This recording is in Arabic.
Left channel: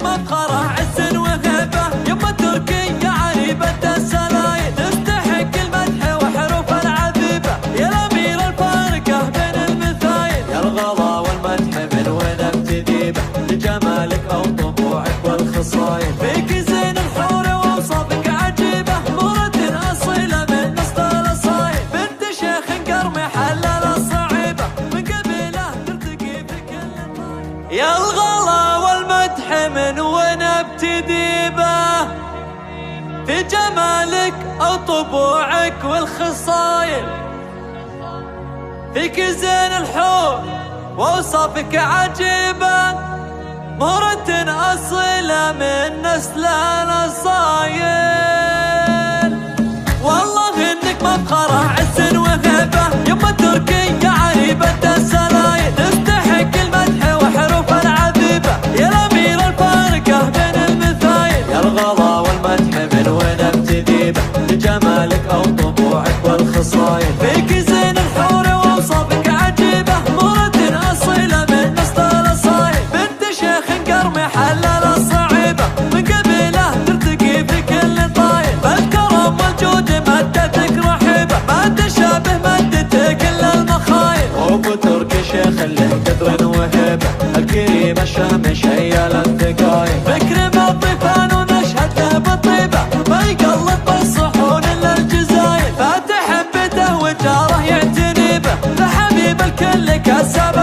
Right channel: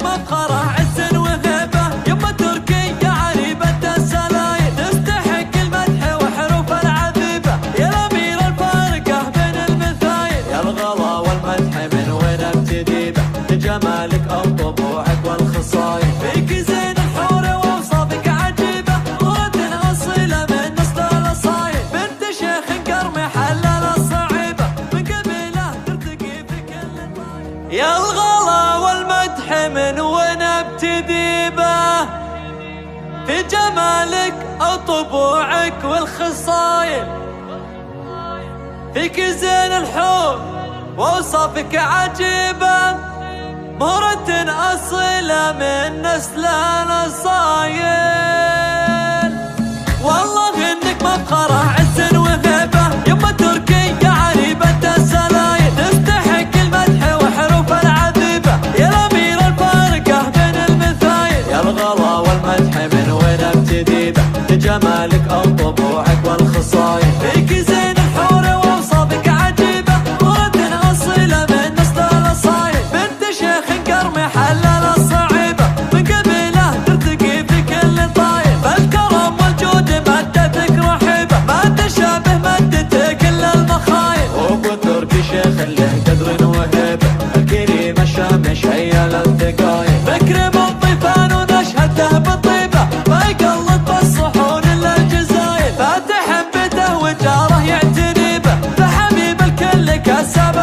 انك مفخره عز وهبه، يما تركية عريبة السلايل، تستحق المدح وحروف العذيبه، يا الاميره الفارقه بين المثايل. يا الغلا والمدح من وين ابتدي به، لجمالك او طبوعك والخصايل، فيك زين الحور واوصافك عجيبه، مرة اصيله من نص الاصايل، بنت شيخ قرمي حلل الصعيبه، من قبيله ترتقي في كل طايل. يا الغلا والمدح من وين ابتدي به، في جمالك او طبوعك والخصايل، فيك زين الحور واوصافك عجيبه، مهرة اصيله من نسل الاصايل. والله انك مفخره عز وهبه، يما تركية عريبة السلايل، تستحق المدح وحروف العذيبه، يا الاميره الفارقه بين المثايل. يا الغلا والمدح من وين ابتدي به، لجمالك او طبوعك والخصايل، فيك زين الحور واوصافك عجيبه، مرة اصيله من نص الاصايل، بنت شيخ قرمي حلل الصعيبه، من قبيله ترتقي في كل طايل، فالكرم والجود مدتك رحيبه، ما تشابه مدتك الا المخايل. ابو تركي شيخ له قدر وهيبه، الكريم الشام شيل الثقايل، فكري بالطيفان ونشهده بالطيبه، ما يقلط بالصحون الا الجزايل، فاتح بيته وجاره يعتني به، فحبيب الكل كسب